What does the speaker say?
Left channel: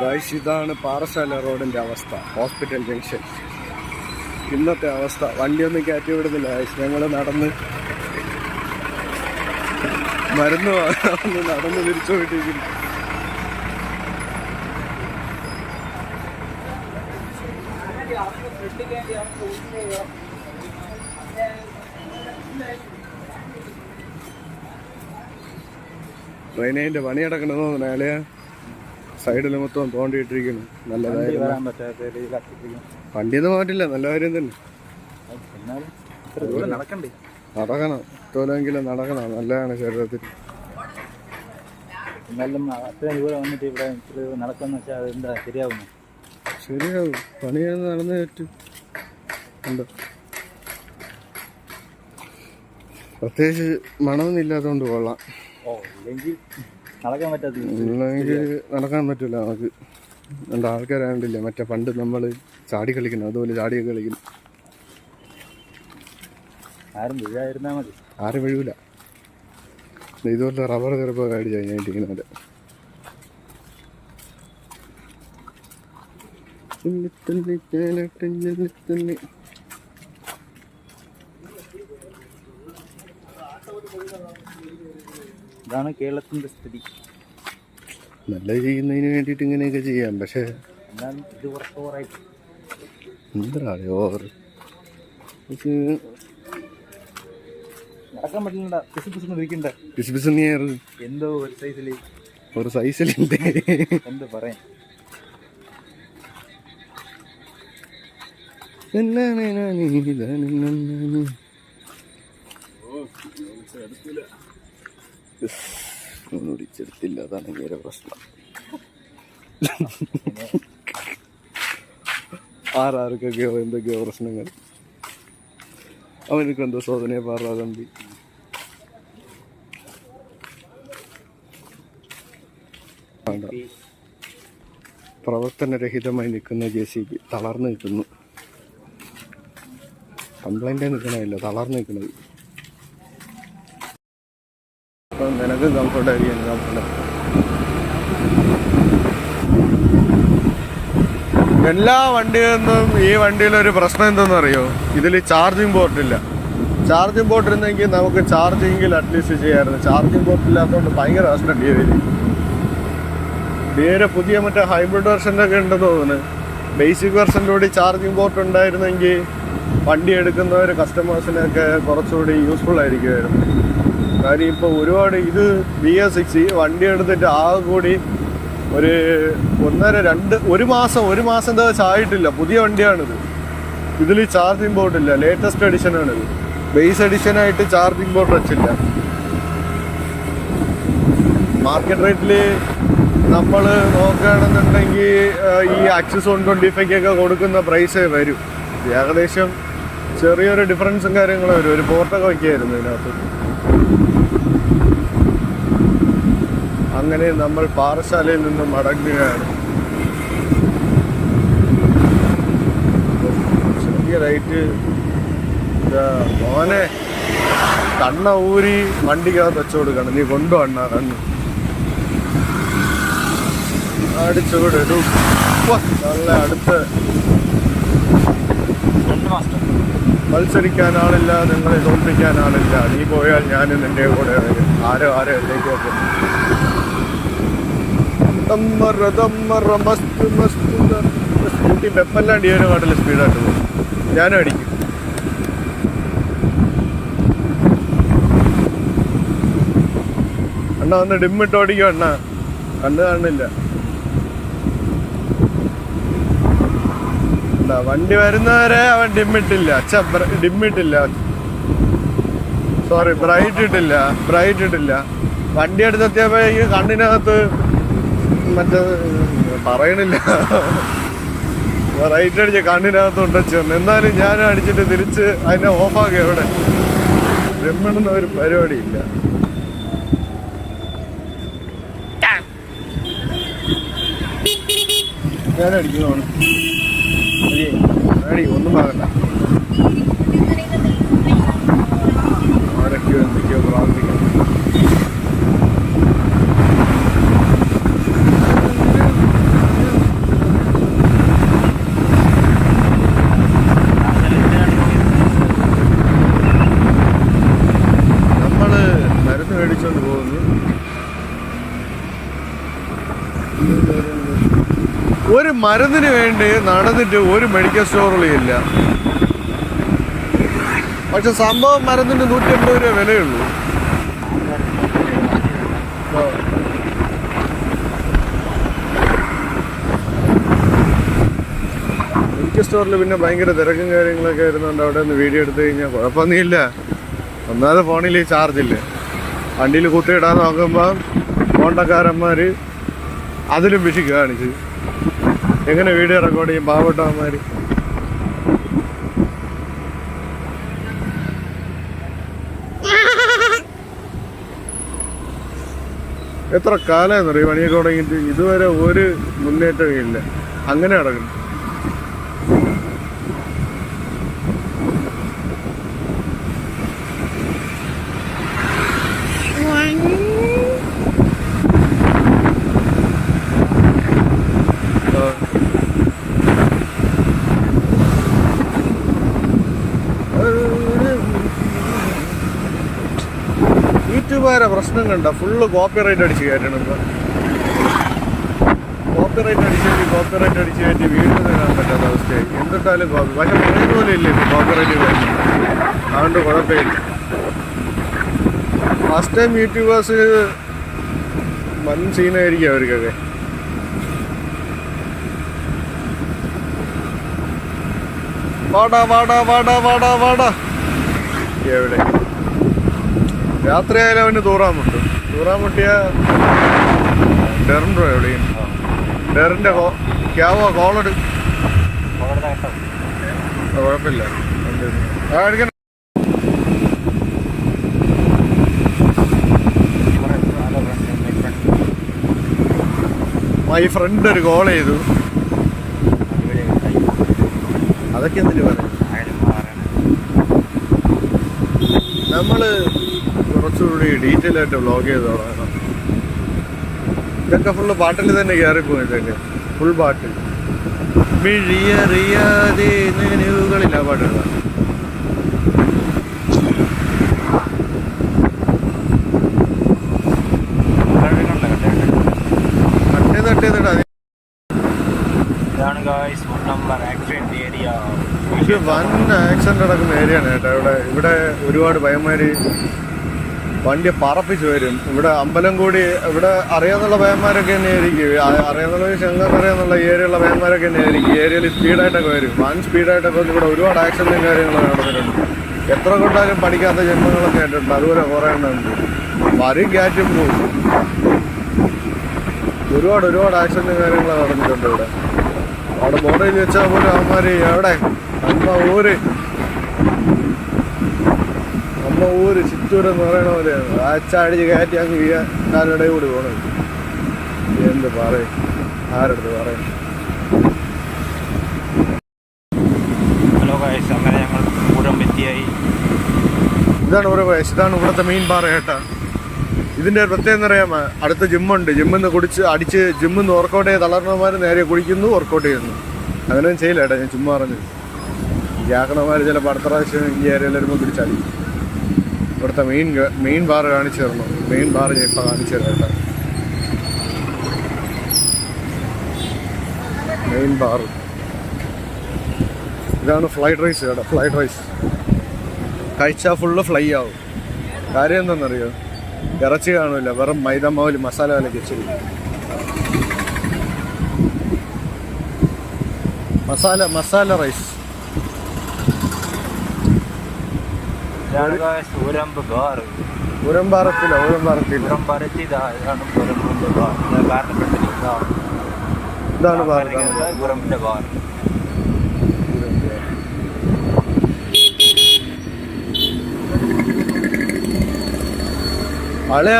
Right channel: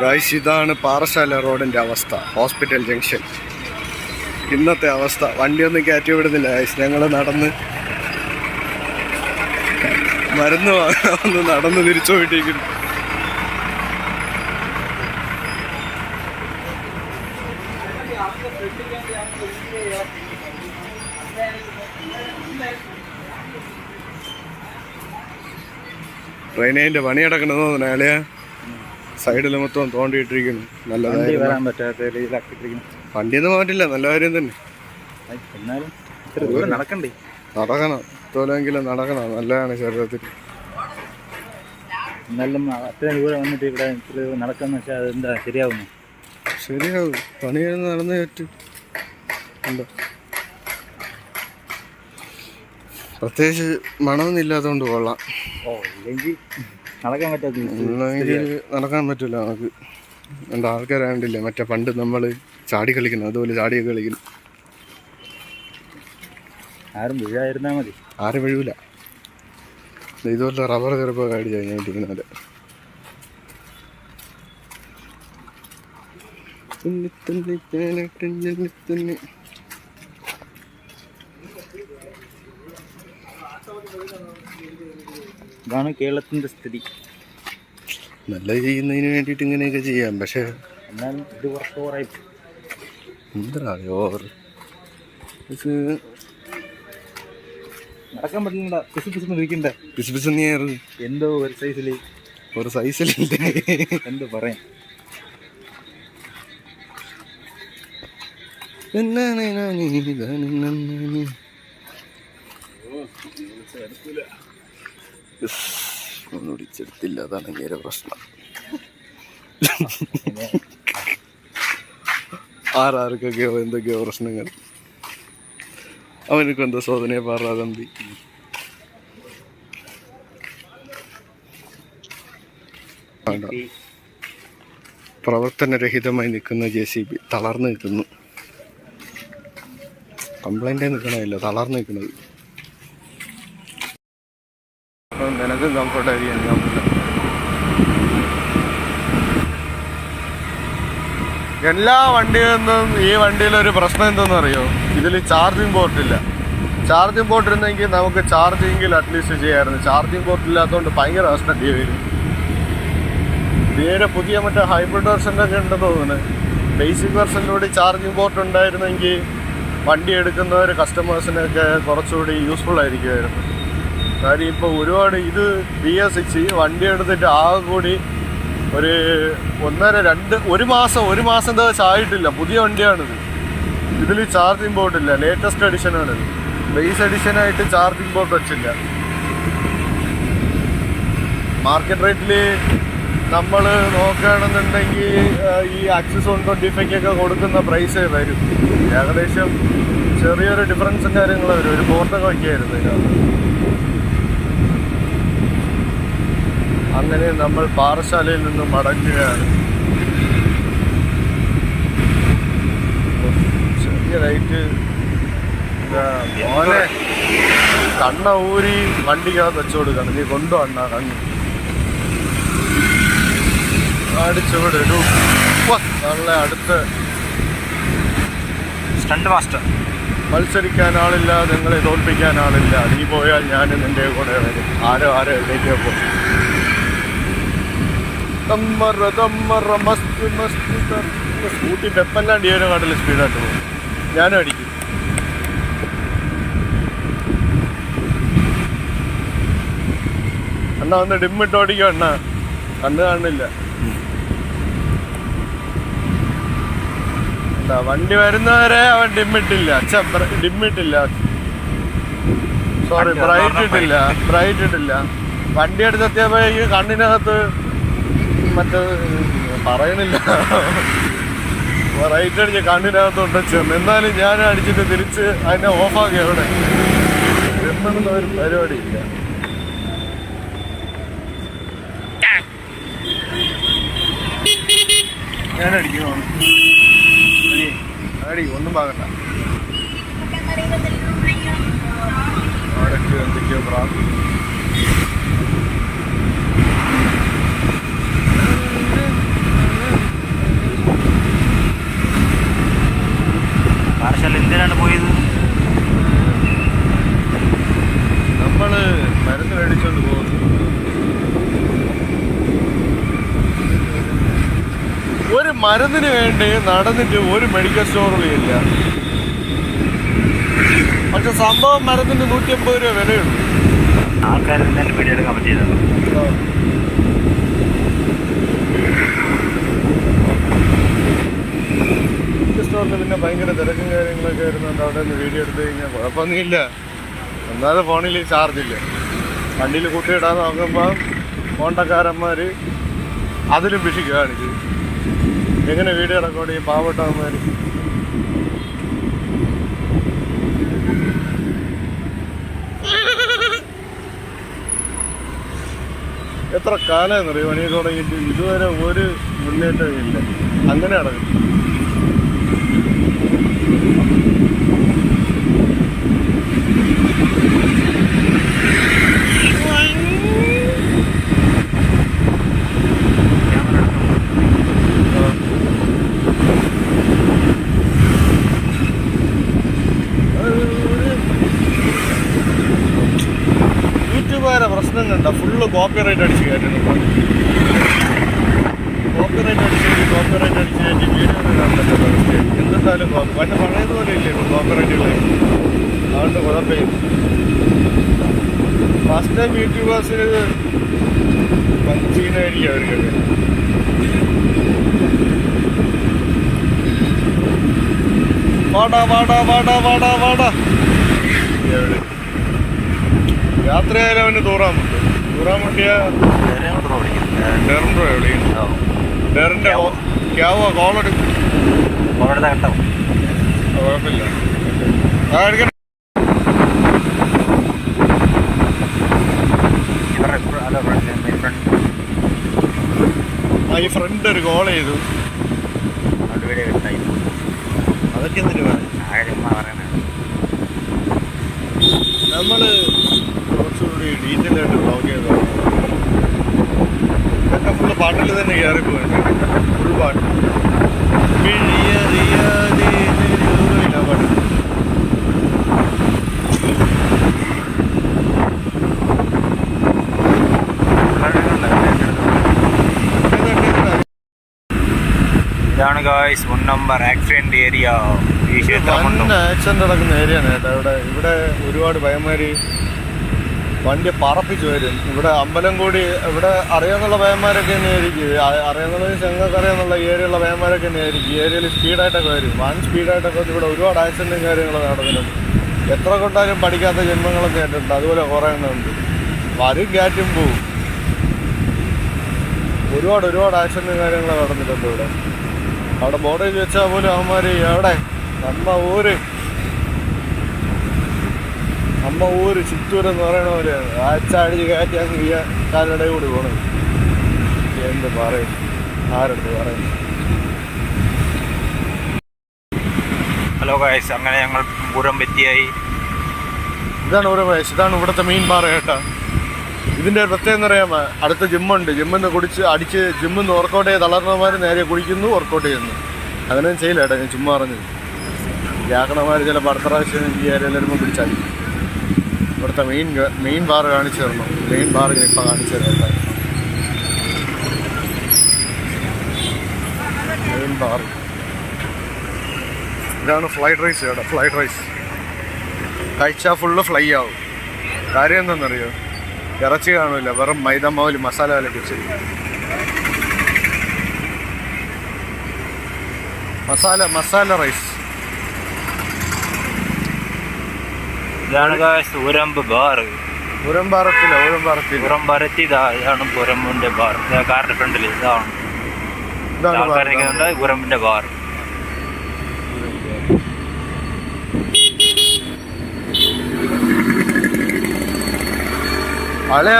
Guys ഇതാണ് പാറശാല റോഡിന്റെ അവസ്ഥ ഹോസ്പിറ്റൽ ജംഗ്ഷൻ. ഇന്നത്തെ അവസ്ഥ വണ്ടിയൊന്നും കയറ്റി വിടുന്നില്ല ഗായ്സ് ഞങ്ങൾ നടന്ന് മരുന്ന് വാങ്ങാമെന്ന് നടന്ന് തിരിച്ചു പോയിട്ടിരിക്കുന്നു. ട്രെയിനേന്റെ പണി കിടക്കണമെന്ന് തോന്നുന്നു അയാളെ സൈഡിൽ മൊത്തം തോണ്ടിയിട്ടിരിക്കുന്നു. നല്ലതായിരുന്നു. വണ്ടിയൊന്നും മാറ്റില്ല നല്ല കാര്യം തന്നെ. നടക്കണം. തോലെങ്കിലും നടക്കണം. നല്ലതാണ് ശരീരത്തിൽ. എന്നാലും അത്രയും ദൂരം വന്നിട്ട് ഇവിടെ ഇത്ര നടക്കാന്ന് വെച്ചാൽ അതെന്താ ശരിയാവുന്നു ശരിയാവും. പണി നടന്നു പറ്റും ഉണ്ട്. പ്രത്യേകിച്ച് മണമൊന്നും ഇല്ലാത്തതുകൊണ്ട് കൊള്ളാം. ഓ ഇല്ലെങ്കിൽ നടക്കാൻ പറ്റില്ല നമുക്ക്. എന്താ ആൾക്കാരെ കണ്ടില്ലേ മറ്റേ പണ്ട് നമ്മൾ ചാടി കളിക്കുന്നു അതുപോലെ ചാടിയൊക്കെ കളിക്കുന്നു. ആരും മതി. ആരും വീഴൂല. ഇതുപോലെ റബ്ബർ ചെറുപ്പം അടിച്ച് കഴിഞ്ഞിരിക്കുന്നത് തുന്നി തുന്നി തുന്നി തുന്നി. ഇതാണ് കേരളത്തിന്റെ സ്ഥിതി. നല്ല ചെയ്യുന്നതിന് വേണ്ടിയിട്ട് ഇങ്ങനെയൊക്കെ ചെയ്യാം. പക്ഷേ എന്നാലും ഇത് കുറച്ച് ഓവറായി എന്താ ഓവർ? പക്ഷേ നടക്കാൻ പറ്റില്ല പിസു പിസു ഇരിക്കണ്ട? പിസ് പിസ് നീറ് എന്തോ ഒരു സൈസിൽ ഒരു സൈസിലില്ല എന്തോ പറയാം എന്നാണ് ഞാൻ ഇതാണ് നന്നാണ്. ഇസ്, ഒന്നും പിടിച്ചെടുത്തില്ല അതാണ് നേരെ പ്രശ്നം. ആരാർക്കൊക്കെയോ എന്തൊക്കെയോ പ്രശ്നങ്ങൾ. അവനക്ക് എന്തോ സോദനയെ പാറാതമ്പി പ്രവർത്തനരഹിതമായി നിൽക്കുന്ന ജെ സി ബി തളർന്നു നിൽക്കുന്നു. കംപ്ലൈന്റേ നിൽക്കണമില്ല തളർന്നു നിൽക്കുന്നത് നിനക്കും കംഫർട്ട് ആയിരിക്കും കംഫർട്ട് എല്ലാ വണ്ടികളിലും ഈ വണ്ടിയിലൊരു പ്രശ്നം എന്തെന്ന് അറിയോ? ഇതിൽ ചാർജിങ് പോർട്ട് ഇല്ല. ചാർജിങ് പോർട്ട് ഇരുന്നെങ്കിൽ നമുക്ക് ചാർജിങ്ങിൽ അറ്റ്ലീസ്റ്റ് ചെയ്യാമായിരുന്നു. ചാർജിങ് പോർട്ട് ഇല്ലാത്തതുകൊണ്ട് ഭയങ്കര പ്രശ്നം ഡി വരും തീരെ പുതിയ മറ്റേ ഹൈബ്രിഡ് വെർഷനിലൊക്കെ ഉണ്ടെന്ന് തോന്നുന്നു. ബേസിക് വെർഷനിലൂടെ ചാർജിങ് പോർട്ട് ഉണ്ടായിരുന്നെങ്കിൽ വണ്ടി എടുക്കുന്നവർ കസ്റ്റമേഴ്സിനൊക്കെ കുറച്ചുകൂടി യൂസ്ഫുൾ ആയിരിക്കുമായിരുന്നു. കാര്യം ഇപ്പോൾ ഒരുപാട് ഇത് ബി എസ് സിക്സ് വണ്ടി എടുത്തിട്ട് ആകെ കൂടി ഒരു ഒന്നര രണ്ട് ഒരു മാസം ഒരു മാസം എന്താ ആയിട്ടില്ല പുതിയ വണ്ടിയാണിത്. ഇതിൽ ചാർജിങ് ബോർഡ് ഇല്ല. ലേറ്റസ്റ്റ് എഡിഷനാണിത് ബേസ് എഡിഷനായിട്ട് ചാർജിങ് ബോർഡ് വെച്ചില്ല. മാർക്കറ്റ് റേറ്റിൽ നമ്മൾ നോക്കുകയാണെന്നുണ്ടെങ്കിൽ ഈ ആക്സിസ് വൺ ട്വന്റി ഫൈവ് ഒക്കെ കൊടുക്കുന്ന പ്രൈസേ വരും. ഏകദേശം ചെറിയൊരു ഡിഫറൻസും കാര്യങ്ങളും വരും. ഒരു കോർത്തൊക്കെ വയ്ക്കായിരുന്നു ഇതിനകത്ത്. അങ്ങനെ നമ്മൾ പാറശാലയിൽ നിന്ന് മടങ്ങുകയാണ്. ചെറിയ ലൈറ്റ് മോനെ കണ്ണ ഊരി വണ്ടിക്കകത്ത് വെച്ചു കൊടുക്കണം. നീ കൊണ്ടു കണ്ണ്. അടിച്ചുവിടെ ഇടൂ. നല്ല അടുത്ത്. സ്റ്റണ്ട് മാസ്റ്റർ മത്സരിക്കാൻ ആളില്ല നിങ്ങളെ തോൽപ്പിക്കാൻ ആളില്ല. നീ പോയാൽ ഞാൻ നിന്റെ കൂടെ ആരോ ആരോ എത്തേക്കോ പോകും. സ്കൂട്ടി പെപ്പെല്ലാം ഡിയോനെ കാട്ടിൽ സ്പീഡായിട്ട് പോകും. ഞാനും അടിക്കും. അണ്ണ ഒന്ന് ഡിമ്മിട്ട് ഓടിക്കും അണ്ണ. കണ്ണ് കാണില്ല എന്താ വണ്ടി വരുന്നവരെ അവൻ ഡിമ്മിട്ടില്ല. ഡിമ്മിട്ടില്ല. സോറി ബ്രൈറ്റ് ഇട്ടില്ല. ബ്രൈറ്റ് ഇട്ടില്ല. വണ്ടി എടുത്തെത്തിയപ്പോ ഈ കണ്ണിനകത്ത് മറ്റേ പറയണില്ല. റൈറ്റ് അടിച്ച് കണ്ണിനകത്ത് ഉണ്ടച്ചെന്ന് എന്നാലും ഞാൻ അടിച്ചിട്ട് തിരിച്ച് അതിനെ ഓഫാക്കി അവിടെ. ഡിമ്മിടുന്ന ഒരു പരിപാടിയില്ല. ഞാൻ അടിക്കുന്നു അടി ഒന്നും ആകണ്ട. ആരൊക്കെയോ എന്തൊക്കെയോ പ്രാർത്ഥിക്കുന്നു നമ്മൾ മരുന്ന് മേടിച്ചോണ്ട് പോകുന്നു. ഒരു മരുന്നിന് വേണ്ടി നടന്നിട്ട് ഒരു മെഡിക്കൽ സ്റ്റോറിലും ഇല്ല. പക്ഷെ സംഭവം മരുന്നിന് നൂറ്റി അമ്പത് രൂപ വിലയുള്ളൂ. മെഡിക്കൽ സ്റ്റോറിൽ പിന്നെ ഭയങ്കര തിരക്കും കാര്യങ്ങളൊക്കെ ആയിരുന്നുണ്ട് അവിടെ നിന്ന് വീഡിയോ എടുത്തു കഴിഞ്ഞാൽ കുഴപ്പമൊന്നുമില്ല. ഒന്നാമത് ഫോണിൽ ചാർജ് ഇല്ല? വണ്ടിയിൽ കൂട്ടിയിടാൻ നോക്കുമ്പോൾ കോണ്ടക്കാരന്മാർ അതിലും പിശി കാണിച്ചു. എങ്ങനെ വീഡിയോ റെക്കോർഡ് ചെയ്യും? പാവപ്പെട്ടവന്മാർ എത്ര കാലമെന്നറിയോ പണിയൊക്കെ തുടങ്ങിയിട്ട് ഇതുവരെ ഒരു മുന്നേറ്റവും ഇല്ല. അങ്ങനെ നടക്കും. യൂട്യൂബുകാരെ പ്രശ്നങ്ങളുണ്ട്? ഫുള്ള് കോപ്പി റൈറ്റ് അടിച്ച് കയറ്റുന്നു ഇപ്പം. കോപ്പി റൈറ്റ് അടിച്ച് കയറ്റി കോപ്പി റൈറ്റ് അടിച്ച് കയറ്റി വീട്ടിൽ നിന്ന് കാണാൻ പറ്റാത്ത അവസ്ഥയായി. എന്തെന്തായാലും കോപ്പി പക്ഷെ ഞങ്ങൾക്ക് പോലും ഇല്ല ഇപ്പം കോപ്പി റൈറ്റ് കയറ്റി അതുകൊണ്ട് കുഴപ്പമില്ല. ഫസ്റ്റ് ടൈം യൂട്യൂബേഴ്സ് വൻ സീനായിരിക്കും അവർക്കൊക്കെ. വാടാ വാടാ വാടാ വാടാ വാടാ. എവിടെ? രാത്രിയായാലും അവന് തൂറാൻ മുട്ടും തൂറാൻ മുട്ടിയ ഡെറിൻഡോ എവിടെയും ഡെറിന്റെ ക്യാവോ കോളെടു കുഴപ്പമില്ല. മൈ ഫ്രണ്ട് ഒരു കോൾ ചെയ്തു. അതൊക്കെ എന്തിനു പറയാം? നമ്മൾ കുറച്ചുകൂടി ഡീറ്റെയിൽ ആയിട്ട് ബ്ലോഗ് ചെയ്തതാണ്. ഇതൊക്കെ ഫുള്ള് പാട്ടിൽ തന്നെ കയറിപ്പോയില്ലേ ഫുൾ പാട്ട്. മിഴിയറിയാതെ നിഴലുകളില്ല പാട്ട് ഇതാണ് guys one number accident area accident നടക്കുന്ന ഏരിയ കേട്ടോ. ഇവിടെ ഇവിടെ ഒരുപാട് ഭയന്മാര് വണ്ടി പറപ്പിച്ച് വരും. ഇവിടെ അമ്പലം കൂടി ഇവിടെ അറിയാന്നുള്ള വേന്മാരൊക്കെ തന്നെ ആയിരിക്കും. ഞങ്ങൾക്ക് അറിയാന്നുള്ള ഏരിയയുള്ള വേന്മാരൊക്കെ തന്നെ ആയിരിക്കും. ഏരിയയിൽ സ്പീഡായിട്ടൊക്കെ വരും. വൺ സ്പീഡായിട്ടൊക്കെ ഇവിടെ ഒരുപാട് ആക്സിഡന്റും കാര്യങ്ങളൊക്കെ നടന്നിട്ടുണ്ട്. എത്ര കൊണ്ടാലും പഠിക്കാത്ത ജന്മങ്ങളൊക്കെ ആയിട്ടുണ്ട്. അതുപോലെ കുറേ എണ്ണമുണ്ട് വരും കാറ്റും പോകും ഒരുപാട് ഒരുപാട് ആക്സിഡന്റും കാര്യങ്ങളൊക്കെ നടന്നിട്ടുണ്ട് ഇവിടെ. അവിടെ ബോർഡിൽ വെച്ചാൽ പോലും അവന്മാർ എവിടെ? നമ്മ ഊര്. അമ്മ ഊര് ചിറ്റൂര് എന്ന് പറയണ പോലെ ആച്ചടിച്ച് കയറ്റി അങ്ങ് വീഴ കാലിടയിൽ കൂടി പോണത്. എന്ത് പറയും? ആരെടുത്ത് പറയും? ഹലോ ഗായ്സ് അങ്ങനെ ഞങ്ങൾ പൂരം വെറ്റിയായി ഇതാണ് ഓരോ വയസ്സ് ഇതാണ് ഇവിടുത്തെ മീൻ പാറ കേട്ടാ. ഇതിന്റെ പ്രത്യേകം അറിയാമോ അടുത്ത ജിമ്മുണ്ട്. ജിമ്മിന്ന് കുടിച്ച് അടിച്ച് ജിമ്മിന്ന് വർക്കൗട്ട് ചെയ്ത് തളർന്നമാർ നേരെ കുടിക്കുന്നു വർക്കൗട്ട് ചെയ്യുന്നു. അങ്ങനെയൊന്നും ചെയ്യില്ല കേട്ടോ ഞാൻ ചുമ്മാ പറഞ്ഞത്. വ്യാകണമാർ ചില അടുത്ത പ്രാവശ്യം ഈ ഏരിയയിൽ വരുമ്പോൾ പിടിച്ചാൽ. ഇവിടുത്തെ മെയിൻ മെയിൻ ബാർ കാണിച്ചു തരണം. മെയിൻ ബാർ ഇപ്പം കാണിച്ചു തരാം മീൻ ബാർ ഇതാണ് ഫ്ലൈഡ് റൈസ് കേട്ടോ ഫ്ലൈഡ് റൈസ് കഴിച്ചാൽ ഫുള്ള് ഫ്ലൈ ആവും. കാര്യം എന്താണെന്നറിയോ? ഇറച്ചി കാണില്ല വെറും മൈദ മാവിൽ മസാല വില വെച്ചിരിക്കും മസാല മസാല റൈസ് ഇതാണ് സൂരമ്പ് ബാർ ഉരമ്പാറത്തില്ല ഉരമ്പാറത്തില്ല പുറം പരത്തി ഇതാ ഇതാണ് പുരമ്പിന്റെ ബാർ കാറിന്റെ ഫ്രണ്ടിൽ ഇതാണ് ഇതാണ് ബാർ. അളയ.